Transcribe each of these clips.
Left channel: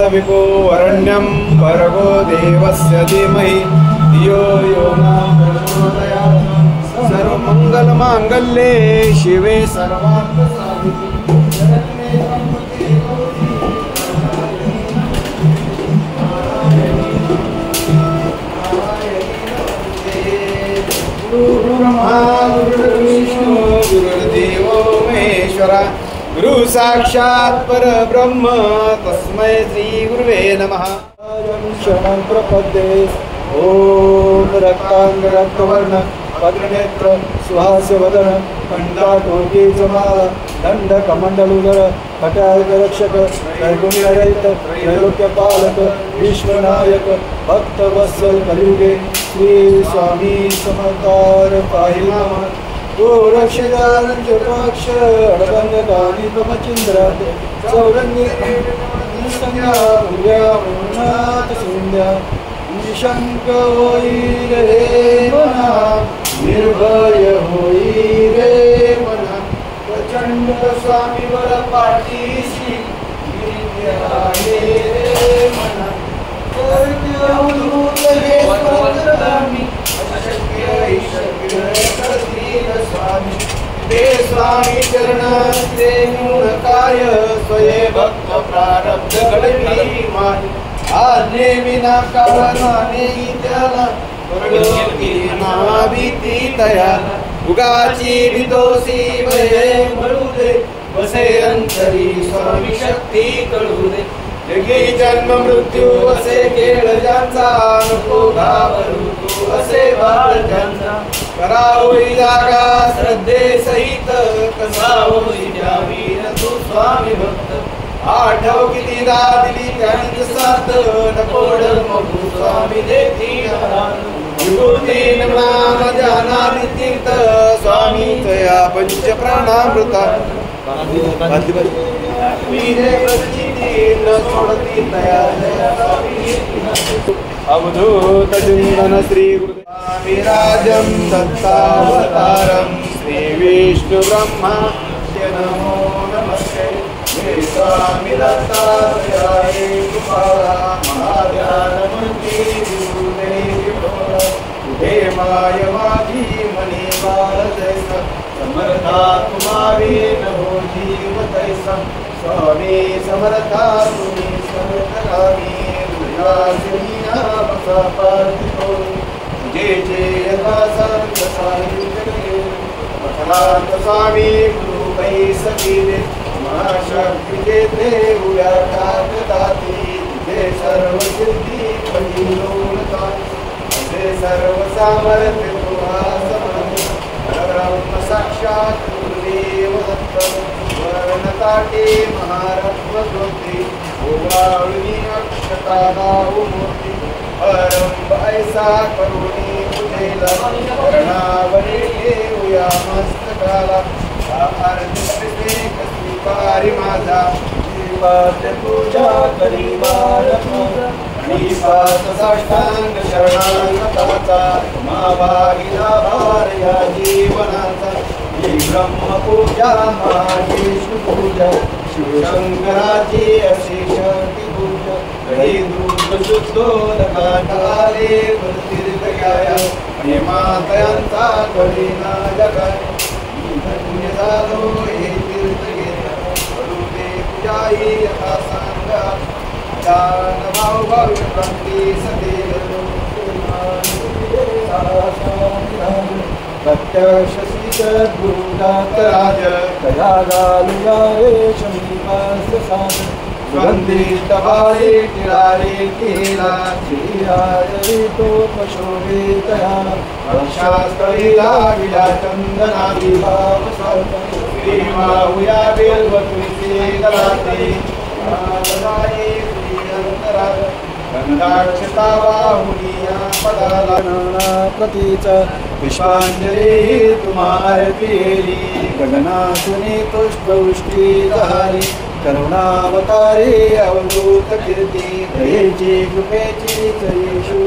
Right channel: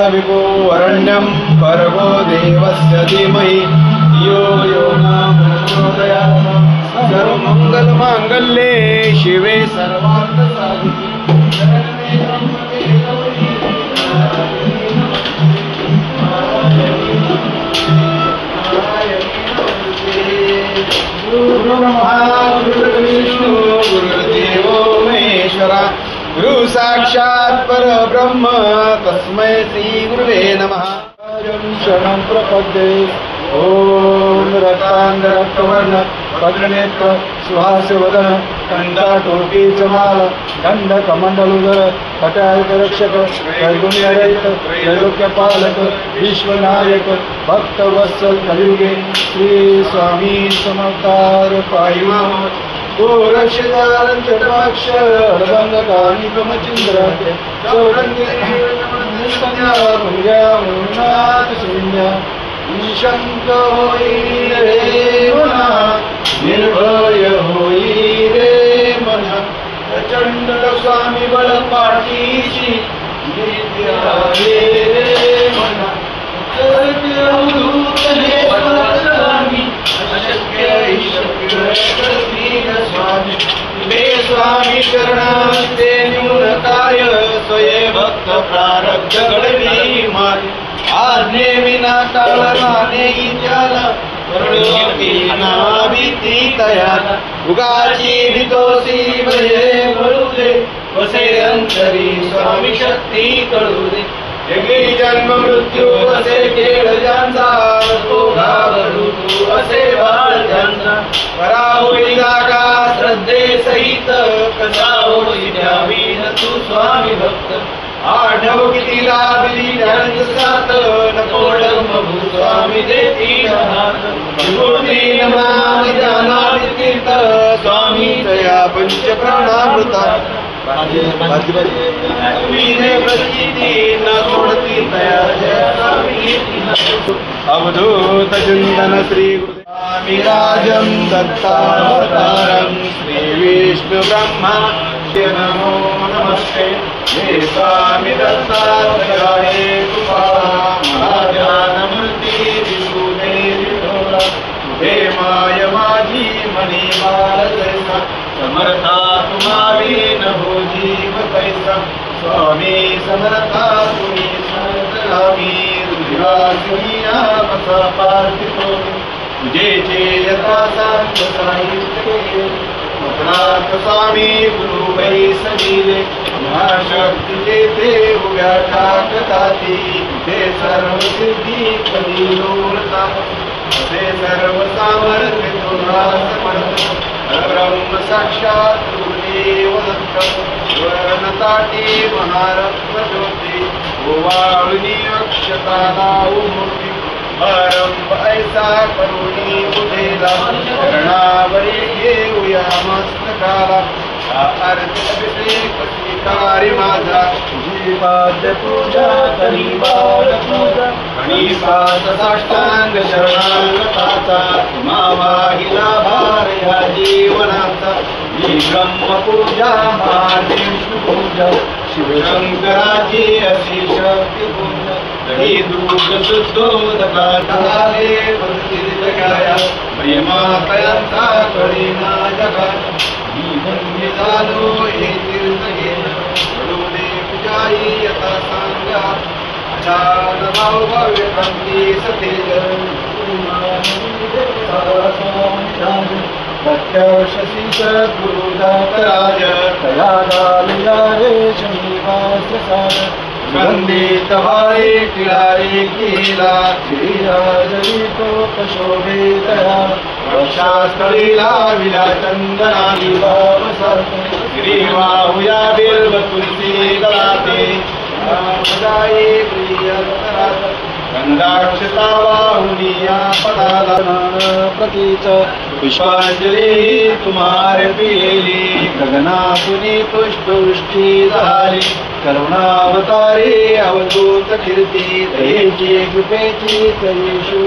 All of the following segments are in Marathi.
तत्सवितो वरण्यं भर्गो देवस्य धीमहि धियो यो न प्रचोदयात्। सर्वमङ्गलमाङ्गल्ये शिवे सर्वार्थसाधिके शरण्ये त्र्यम्बके गौरी गुरुर्ब्रह्मा गुरुर्विष्णु गुरुर्देवो महेश्वरा गुरु साक्षात् परब्रह्म तस्मै श्री गुरुवे नमः। शरणं प्रपद्ये ओम रक्तांग रक्तवर्ण पद्मनेत्र सुहास्यवदन कंठाटोपीचमाल दंडकमंडलुधर हठारक्षक त्रैगुण्यरहित त्रैलोक्यपालक विश्वनायक भक्तवत्सल कलियुगे श्री स्वामी समर्थ पाहि माम गोरक्षदार चतुर्ष अडभंगकानी ब्रह्मचंद्रात चौरंगी संज्ञा पुण्या मुनाथ संज्ञा निशंक होई रे मना निर्भय होई रे मना प्रचंड स्वामी बळ पाठीशी नित्यावे रे मना अवधूत हे स्वामी अशक्य ईशक्य करतील स्वामी ते स्वामी चरणांचे न्यूनकाय स्वये भक्त प्रारब्ध घडवी माय आज्ञे विना काळाने त्याला करुणा भीती तया उगाची भीतोसी भये मरू दे वसे अंतरी स्वामी शक्ती कळू दे जगी जन्म मृत्यू असे खेळ ज्यांचा नको घाबरू तू असे बाळ ज्यांचा करा होई जागा श्रद्धे सहित कसा होई द्यावी न तू स्वामी भक्त आठव किती दिली त्यांच साथ नकोड मगू स्वामी देती विभूती नाम जानाति तीर्थ स्वामी तया पंच प्राणामृता वीरे प्रचिती न सोडती तया अवधूत चिंतन श्री गुरुदेव राजं दत्तावतारं श्री विष्णु ब्रह्मा नमो नमस्ते हे स्वामी दत्तात्रयाय कृपा महाध्यानमूर्ती विभूते विठोरा तुझे माय माझी मनी बाळ जैसा समर्था तुम्हारी न हो जीव तैसा स्वामी समर्था तुम्ही समर्थगामी हृदयासिया बसा पार्थितो तुझे जे यथा सांग साहित्य अपराध स्वामी गुरु वै सजीले महाशक्तीचे देव व्याठाक दाती तुझे सर्व सिद्धी परिलोळता असे सर्व सामर्थ्य तुझा समर्थ परब्रह्म साक्षात गुरुदेव दत्त वर्णताटे महारत्न ज्योती ओवाळुनी अक्षता दाऊ मूर्ती परम ऐसा करुणी तुझेला चरणावरी घेऊया मस्तकाला अभिषेक स्वीकारी माझा जीवात पूजा करी बाल पूजा गणिपात साष्टांग शरणागताचा तुम्हा वाहिला भार या जीवनाचा ही ब्रह्मपूजा महाविष्णु पूजा शिवशंकराची अशी शक्ती पूजा दही दूध शुद्धोदकाले तीर्थगाया प्रेमातयांचा कळीना जगात मी धन्य झालो हे तीर्थ घे करुणे तुझ्याही यथा सांगा आदान भाव भव्य भक्ती सतेज प्रत्यक्षसी सद्गुरुदातराज तया गालिया रे शनिवास साध वंदित भाई टिळारे केला श्रीराजवितो प्रशोभितया वर्षास्थळीला विला चंदनाली श्रीवाहुया बिल्व तुलसी गलाते रामदाई प्रियंतरात गंगाक्षता वाहुनिया पदाला प्रतीच पुष्पांजली तुम्हारे पिली गगनातुनी पुष्पवृष्टी झाली करुणावतारी अवधूत कीर्ती दयेची कृपेची चरी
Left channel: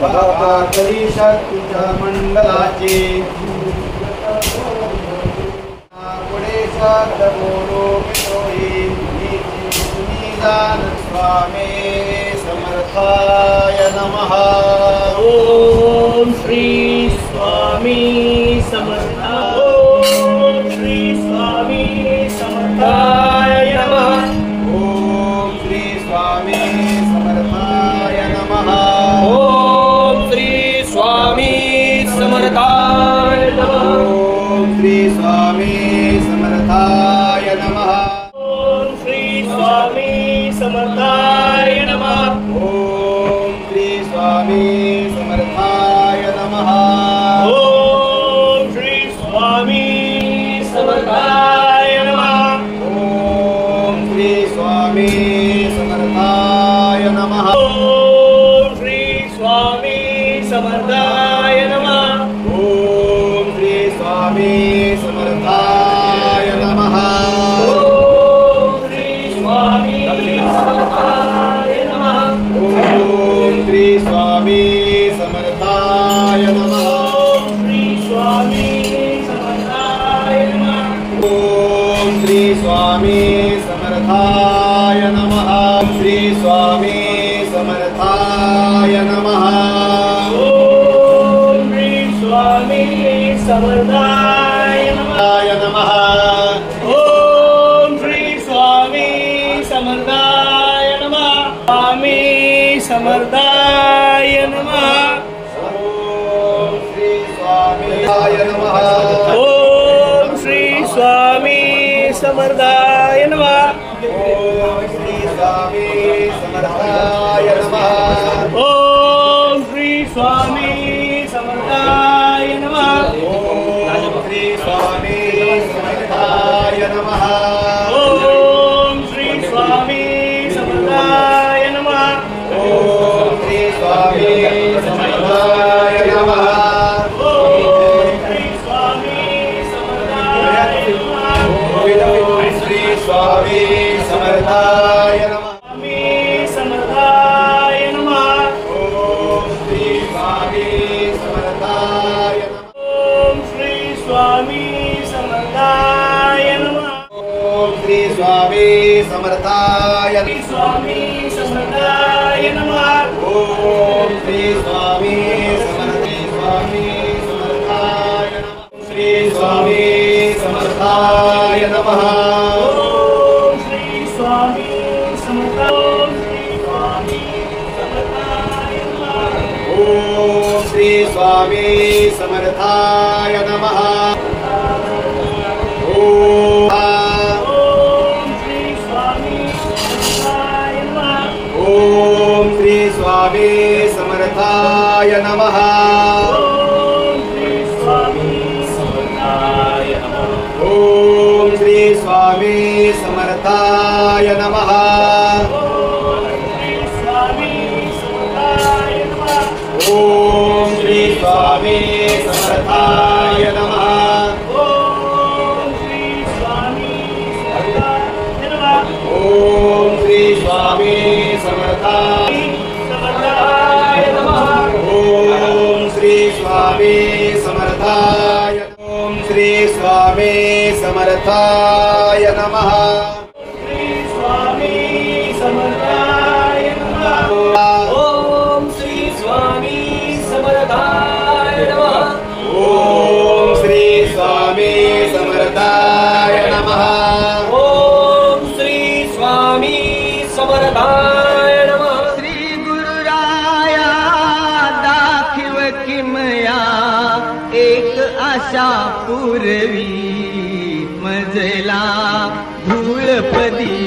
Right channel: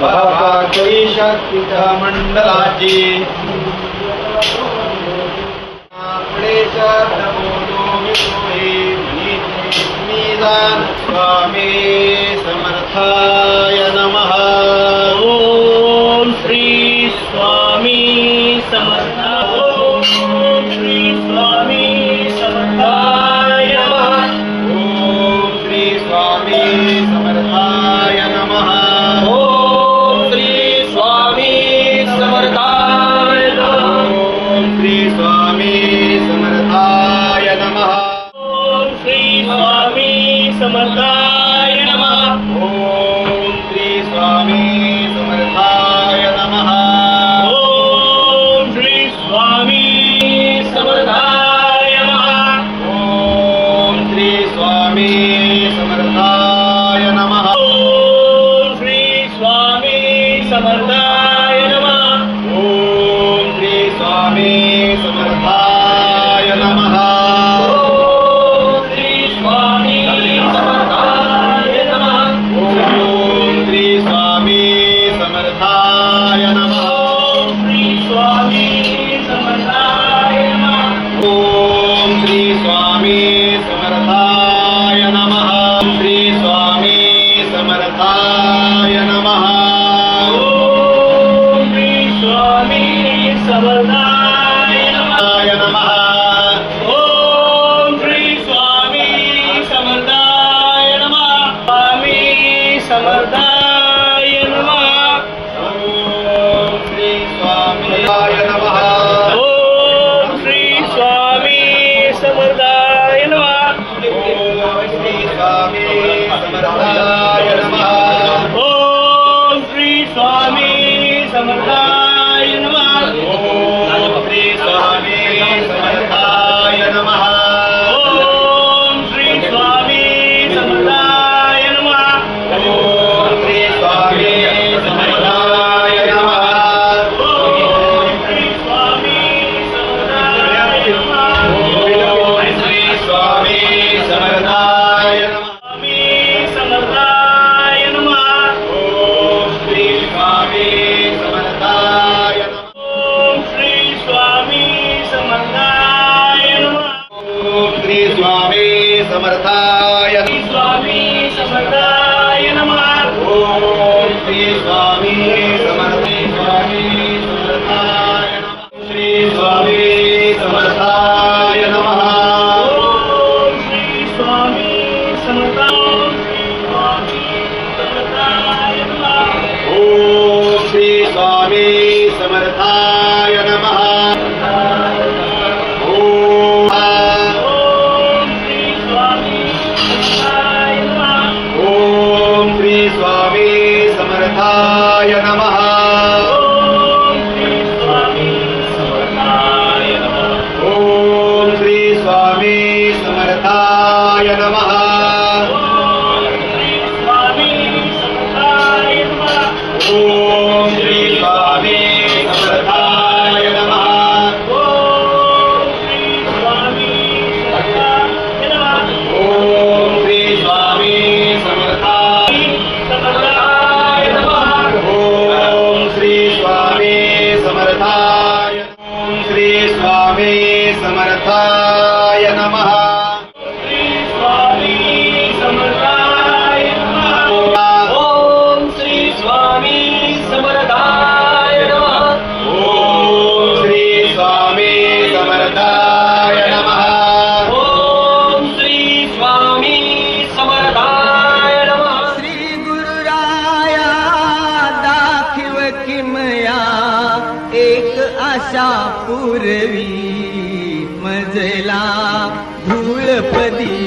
बाबा करी शक्तीच्या मंडलाची पुढे शब्द बोलो मिळोही तुम्ही जाण स्वामी समर्थाय नमः। ओम श्री स्वामी समर्थाय ओम श्री स्वामी समर्थाय नमः। ओम श्री स्वामी समर्थाय नमः। ओम श्री स्वामी समर्थाय नमः। ओम श्री स्वामी समर्थाय नमः। ओम श्री स्वामी समर्थाय नमः। ओम श्री स्वामी समर्थाय नमः। ओम श्री स्वामी समर्थाय नमः। ओम श्री स्वामी समर्थाय नमः। ओम श्री स्वामी समर्थाय नमः। ओम श्री स्वामी समर्थाय नमः। ओम श्री स्वामी समर्थाय नमः। ओम श्री स्वामी समर्थाय नमः। ओम श्री स्वामी समर्थाय नमः। ओम श्री स्वामी समर्थाय नमः। ओम श्री स्वामी समर्थाय नमः। ओम श्री स्वामी समर्थाय नमः। नमः। ओम श्री स्वामी समर्थाय नमः। स्वामी समर्थाय नमः। ओम श्री स्वामी नमः। ओम श्री स्वामी समर्थाय नमः। ओम श्री स्वामी समर्थाय नमः। ओम श्री स्वामी समर्थाय नमः। ओम श्री स्वामी समर्थाय नमः। ओम श्री स्वामी समर्थाय नमः। ओम श्री स्वामी समर्थाय नमः। ओम श्री स्वामी समर्थाय नमः। ओम श्री स्वामी समर्थाय नमः। स्वामी समर्थाय नमः। ओम श्री स्वामी समर्थाय नमः। ओम श्री स्वामी समर्थाय नमः। ओम श्री स्वामी समर्थाय श्री स्वामी समर्थाय नमः। ओम श्री स्वामी समर्थाय नमः। श्री स्वामी समर्थाय नमः। ओम श्री स्वामी समर्थाय नमः। ओम श्री स्वामी समर्थाय नमः। ओम ओम श्री स्वामी समर्थाय नमः। ओम श्री स्वामी समर्थाय नमः। ओम श्री स्वामी समर्थाय नमः। ओम श्री स्वामी समर्थाय नमः। ओम श्री स्वामी समर्थाय नमः। ओम श्री स्वामी समर्थाय नमः। ओम श्री स्वामी समर्थाय नमः। ओम श्री स्वामी समर्थाय। ओम श्री स्वामी समर्थाय नमः। श्री स्वामी समर्थाय नमः। ओम श्री स्वामी समर्थाय नमः। ओम श्री स्वामी समर्थाय नमः। ओम श्री स्वामी समर्थाय नमः। श्री गुरुराया दाखिव किमया एक आशा पूर्वी मजला धूळपदी